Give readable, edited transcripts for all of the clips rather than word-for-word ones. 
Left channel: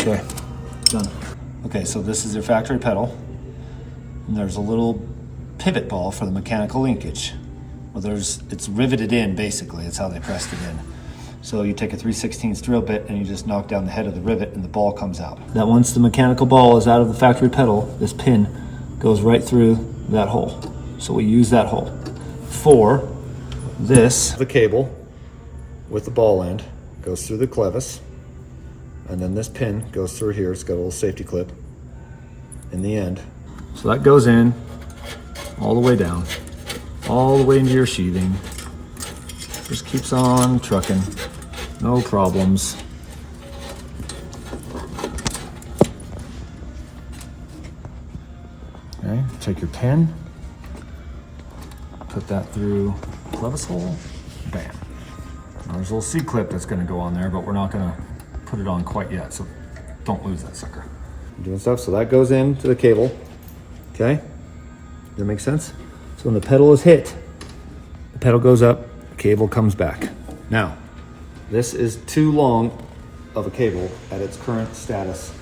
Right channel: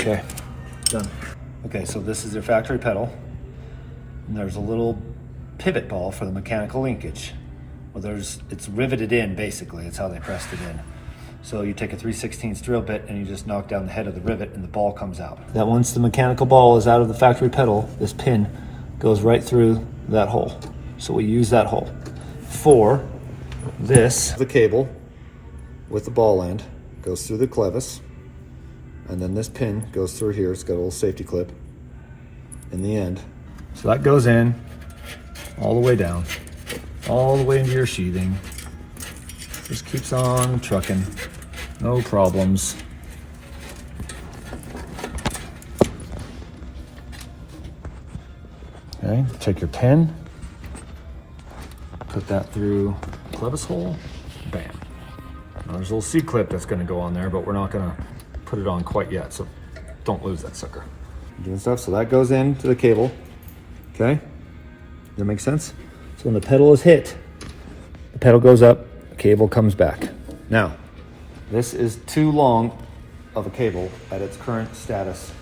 Okay, done. Okay, so this is your factory pedal. And there's a little pivot ball for the mechanical linkage. Well, it's riveted in basically, it's how they pressed it in. So you take a 3/16 drill bit and you just knock down the head of the rivet and the ball comes out. That once the mechanical ball is out of the factory pedal, this pin goes right through that hole. So we use that hole. For this, the cable with the ball end goes through the clevis, and then this pin goes through here. It's got a little safety clip in the end. So that goes in all the way down, all the way into your sheathing. Just keeps on trucking, no problems. Okay, take your pin, put that through the clevis hole, bam. Now there's a little C-clip that's gonna go on there, but we're not gonna put it on quite yet, so don't lose that sucker. Doing stuff, so that goes into the cable, okay? Does that make sense? So when the pedal is hit, the pedal goes up, the cable comes back. Now, this is too long of a cable at its current status,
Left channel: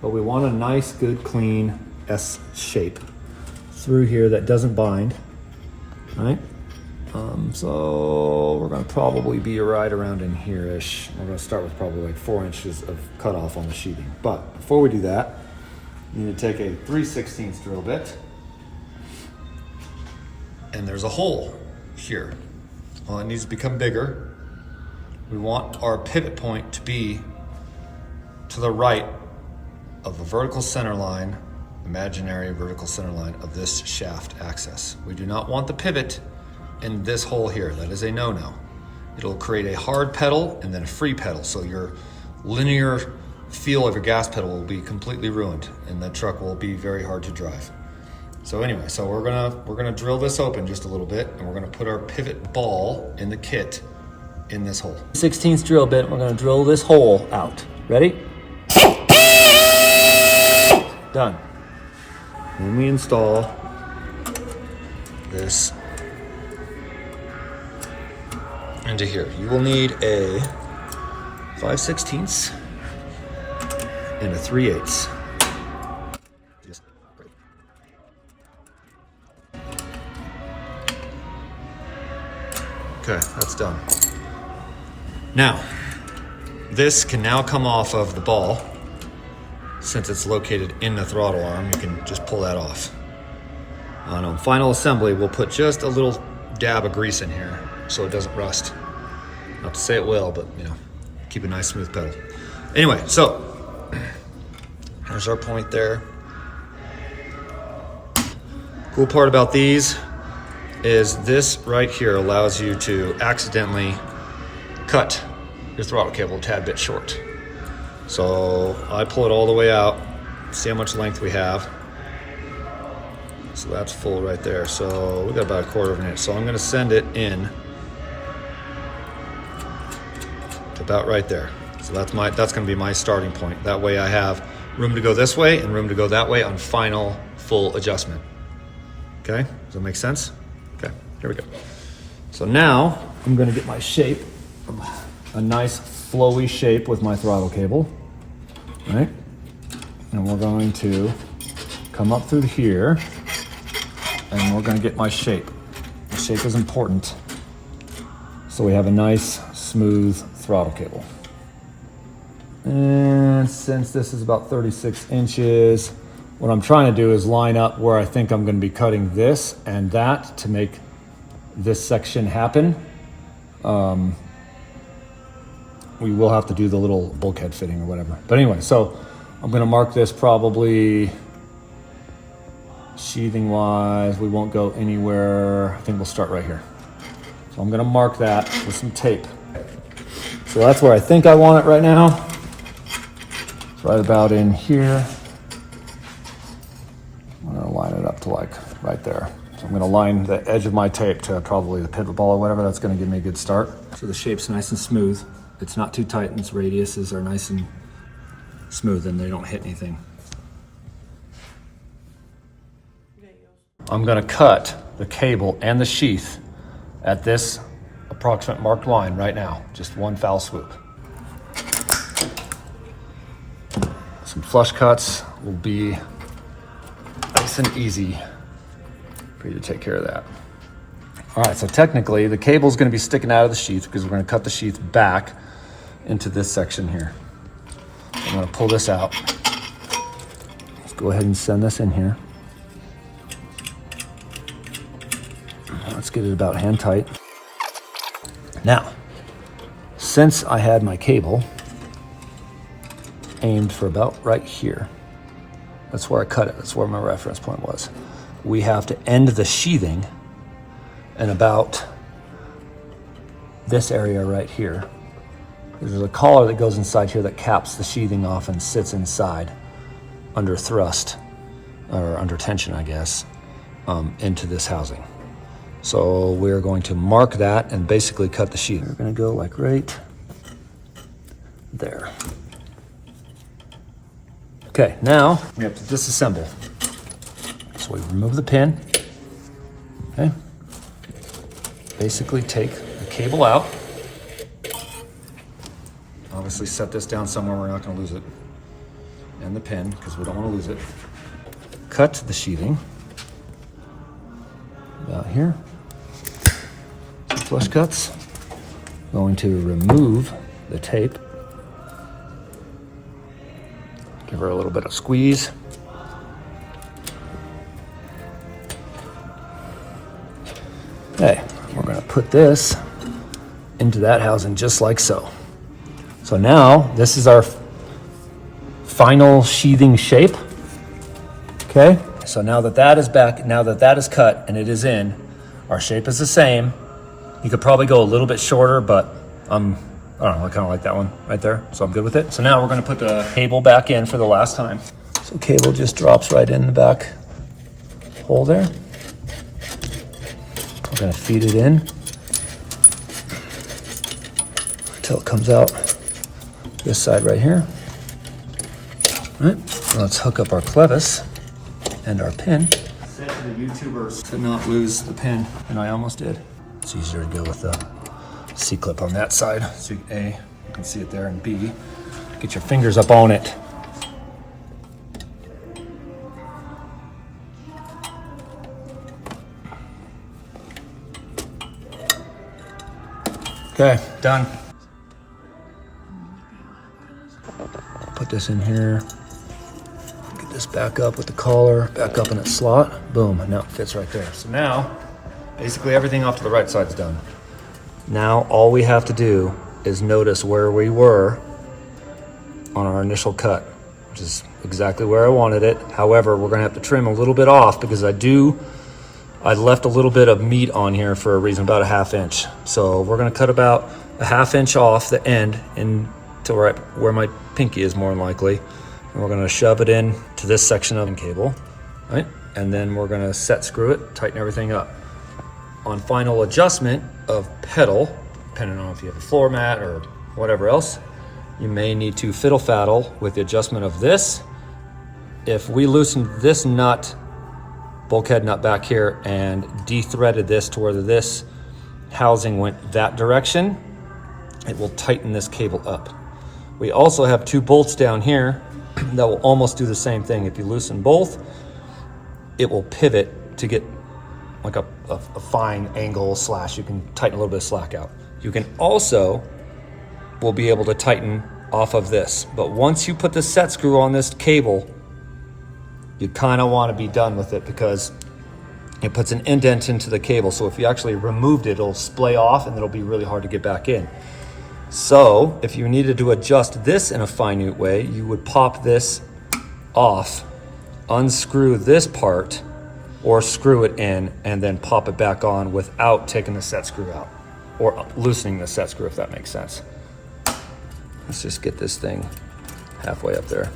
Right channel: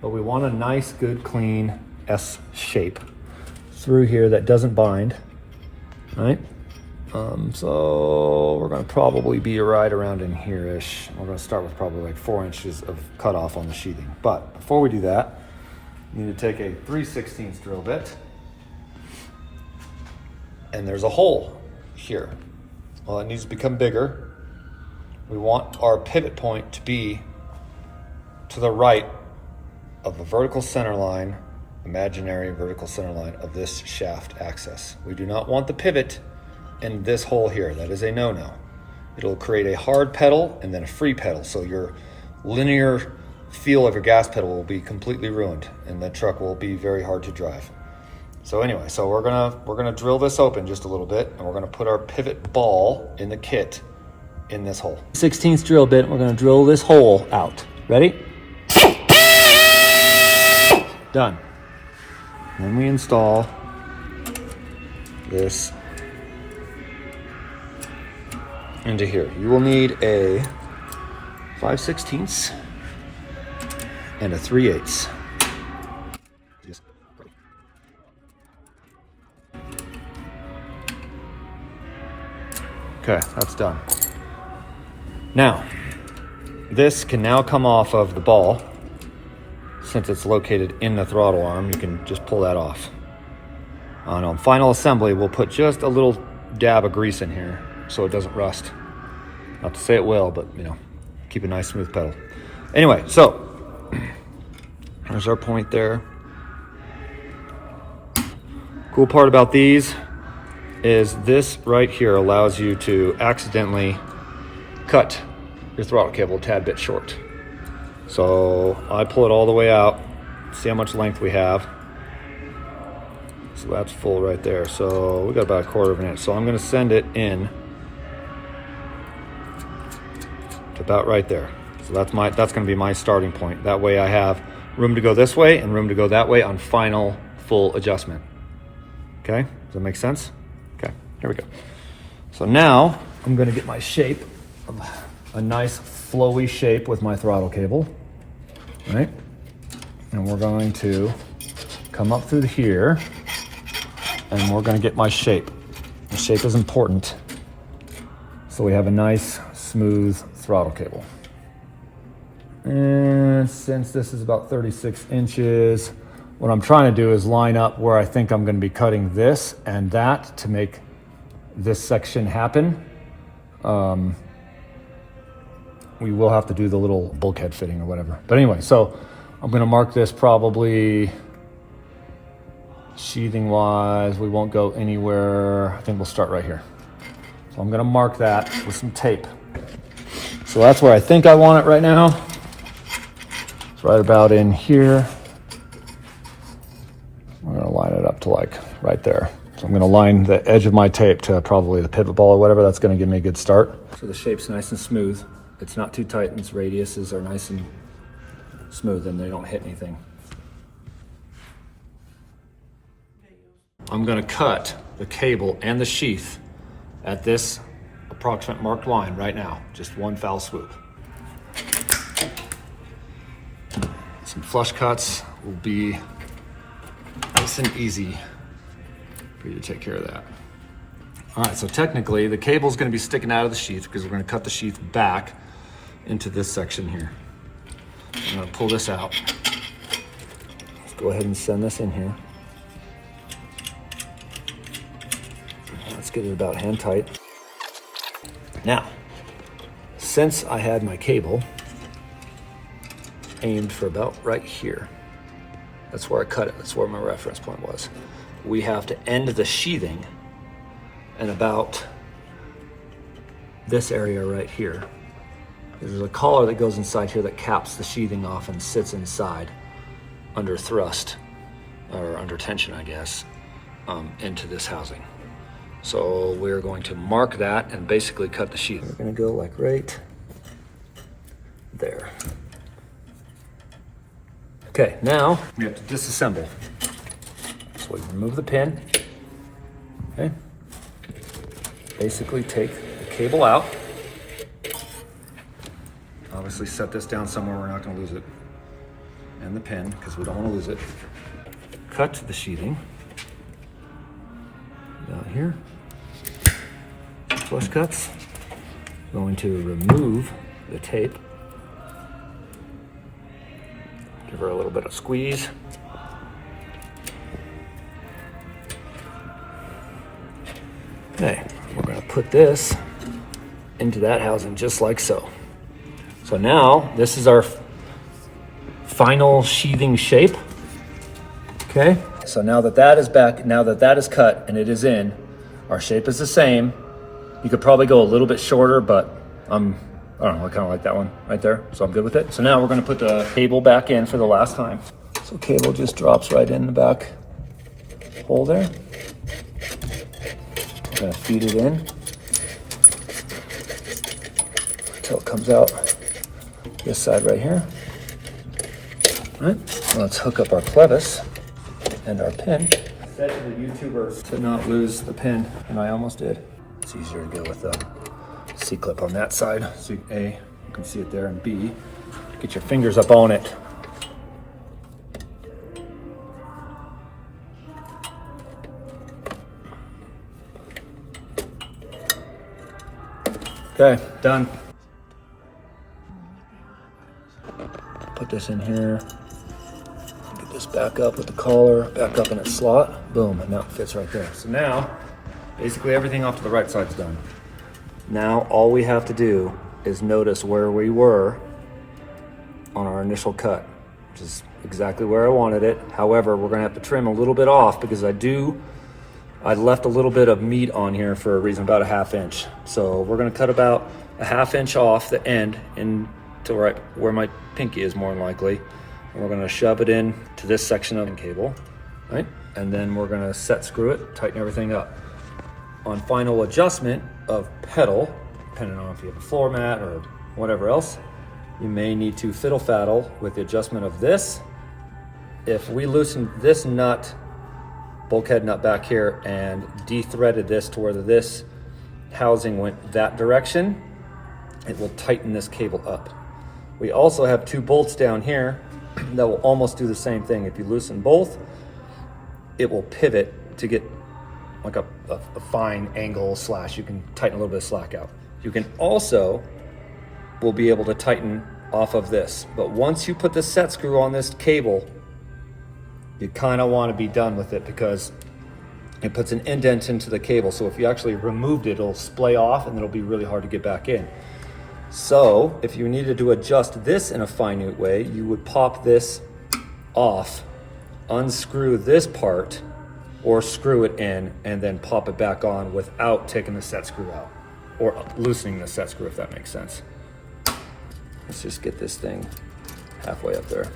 but we want a nice, good, clean S shape through here that doesn't bind, right? So we're gonna probably be right around in here-ish. We're gonna start with probably like 4 inches of cutoff on the sheathing. But before we do that, you need to take a 3/16 drill bit, and there's a hole here. Well, it needs to become bigger. We want our pivot point to be to the right of the vertical center line, imaginary vertical center line of this shaft axis. We do not want the pivot in this hole here. That is a no-no. It'll create a hard pedal and then a free pedal, so your linear feel of your gas pedal will be completely ruined and the truck will be very hard to drive. So anyway, so we're gonna drill this open just a little bit, and we're gonna put our pivot ball in the kit in this hole. 16th drill bit, we're gonna drill this hole out. Ready? Done. When we install this into here, you will need a 5/16 and a 3/8. Okay, that's done. Now, this can now come off of the ball. Since it's located in the throttle arm, you can just pull that off. On final assembly, we'll put just a little dab of grease in here so it doesn't rust. Not to say it will, but you know, keep a nice smooth pedal. Anyway, so there's our point there. Cool part about these is this right here allows you to accidentally cut your throttle cable a tad bit short. So I pull it all the way out, see how much length we have. So that's full right there. So we got about 1/4 of an inch. So I'm gonna send it in to about right there. So that's gonna be my starting point. That way I have room to go this way and room to go that way on final full adjustment. Okay, does that make sense? Okay, here we go. So now I'm gonna get my shape, a nice flowy shape with my throttle cable, right? And we're going to come up through here and we're gonna get my shape. The shape is important. So we have a nice, smooth throttle cable. And since this is about 36 inches, what I'm trying to do is line up where I think I'm gonna be cutting this and that to make this section happen. We will have to do the little bulkhead fitting or whatever. But anyway, so I'm gonna mark this probably sheathing wise. We won't go anywhere. I think we'll start right here. So I'm gonna mark that with some tape. So that's where I think I want it right now. It's right about in here. I'm gonna line it up to like right there. So I'm gonna line the edge of my tape to probably the pivot ball or whatever. That's gonna give me a good start. So the shape's nice and smooth. It's not too tight and its radiuses are nice and smooth and they don't hit anything. I'm gonna cut the cable and the sheath at this approximate marked line right now. Just one foul swoop. Some flush cuts will be nice and easy for you to take care of that. All right, so technically the cable's gonna be sticking out of the sheath because we're gonna cut the sheath back into this section here. I'm gonna pull this out. Let's go ahead and send this in here. Let's get it about hand tight. Now, since I had my cable aimed for about right here, that's where I cut it, that's where my reference point was. We have to end the sheathing and about this area right here. There's a collar that goes inside here that caps the sheathing off and sits inside under thrust, or under tension, I guess, into this housing. So we're going to mark that and basically cut the sheathing. We're gonna go like right there. Okay, now we have to disassemble. So we remove the pin, okay? Basically take the cable out. Obviously set this down somewhere we're not gonna lose it. And the pin, because we don't wanna lose it. Cut the sheathing. About here. Some flush cuts. Going to remove the tape. Give her a little bit of squeeze. Okay, we're gonna put this into that housing just like so. So now this is our final sheathing shape. Okay, so now that that is back, now that that is cut and it is in, our shape is the same. You could probably go a little bit shorter, but I don't know, I kind of like that one right there, so I'm good with it. So now we're gonna put the cable back in for the last time. So cable just drops right in the back hole there. We're gonna feed it in until it comes out this side right here. All right, let's hook up our clevis and our pin. Said to the YouTubers to not lose the pin, and I almost did. It's easier to go with the C-clip on that side. So A, you can see it there, and B, get your fingers up on it. Okay, done. Put this in here. Get this back up with the collar, back up in its slot. Boom, now it fits right there. So now, basically everything off to the right side is done. Now all we have to do is notice where we were on our initial cut, which is exactly where I wanted it. However, we're gonna have to trim a little bit off because I left a little bit of meat on here for a reason, about a 1/2 inch. So we're gonna cut about a 1/2 inch off the end to right where my pinky is more than likely. And we're gonna shove it in to this section of the cable, right? And then we're gonna set screw it, tighten everything up. On final adjustment of pedal, depending on if you have a floor mat or whatever else, you may need to fiddle faddle with the adjustment of this. If we loosen this nut, bulkhead nut back here, and de-threaded this to where this housing went that direction, it will tighten this cable up. We also have 2 bolts down here that will almost do the same thing. If you loosen both, it will pivot to get like a fine angle slash. You can tighten a little bit of slack out. You can also, will be able to tighten off of this. But once you put the set screw on this cable, you kind of want to be done with it because it puts an indent into the cable. So if you actually removed it, it'll splay off and it'll be really hard to get back in. So if you needed to adjust this in a finite way, you would pop this off, unscrew this part, or screw it in and then pop it back on without taking the set screw out, or loosening the set screw, if that makes sense. Let's just get this thing halfway up there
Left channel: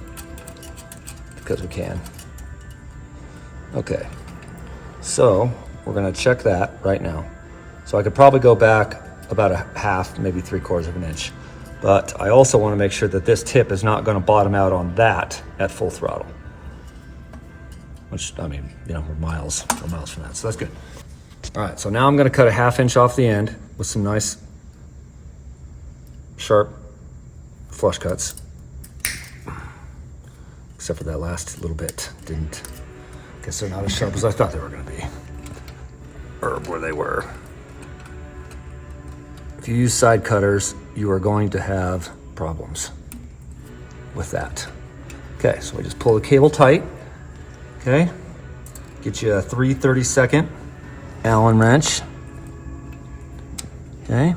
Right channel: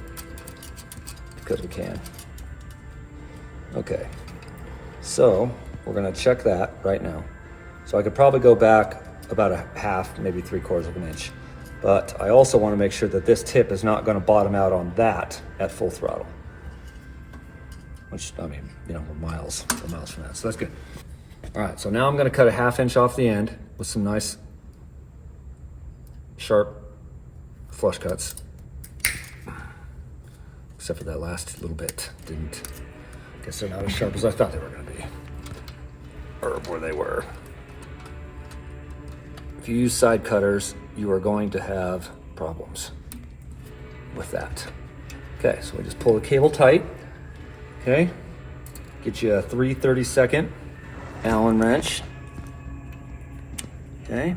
because we can. Okay, so we're gonna check that right now. So I could probably go back about a 1/2, maybe 3/4 of an inch. But I also wanna make sure that this tip is not gonna bottom out on that at full throttle. Which, I mean, you know, we're miles from that, so that's good. All right, so now I'm gonna cut a 1/2 inch off the end with some nice, sharp flush cuts. except for that last little bit. Guess they're not as sharp as I thought they were gonna be, or where they were. If you use side cutters, you are going to have problems with that. Okay, so we just pull the cable tight, okay? Get you a 3/32 Allen wrench, okay?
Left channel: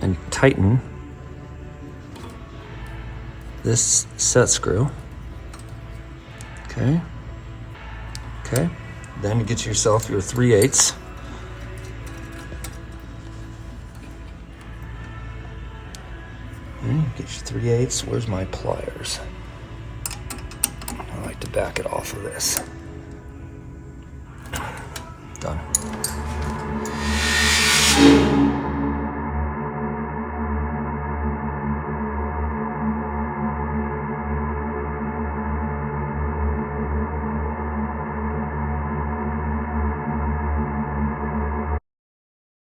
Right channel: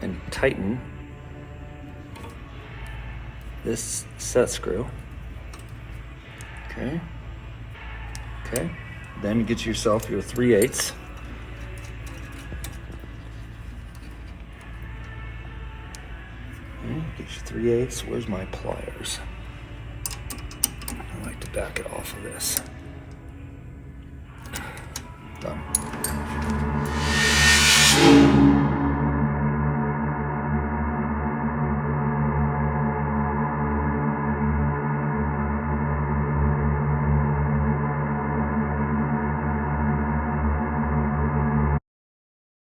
And tighten this set screw, okay? Okay, then get yourself your 3/8. Get your 3/8. Where's my pliers? I like to back it off of this.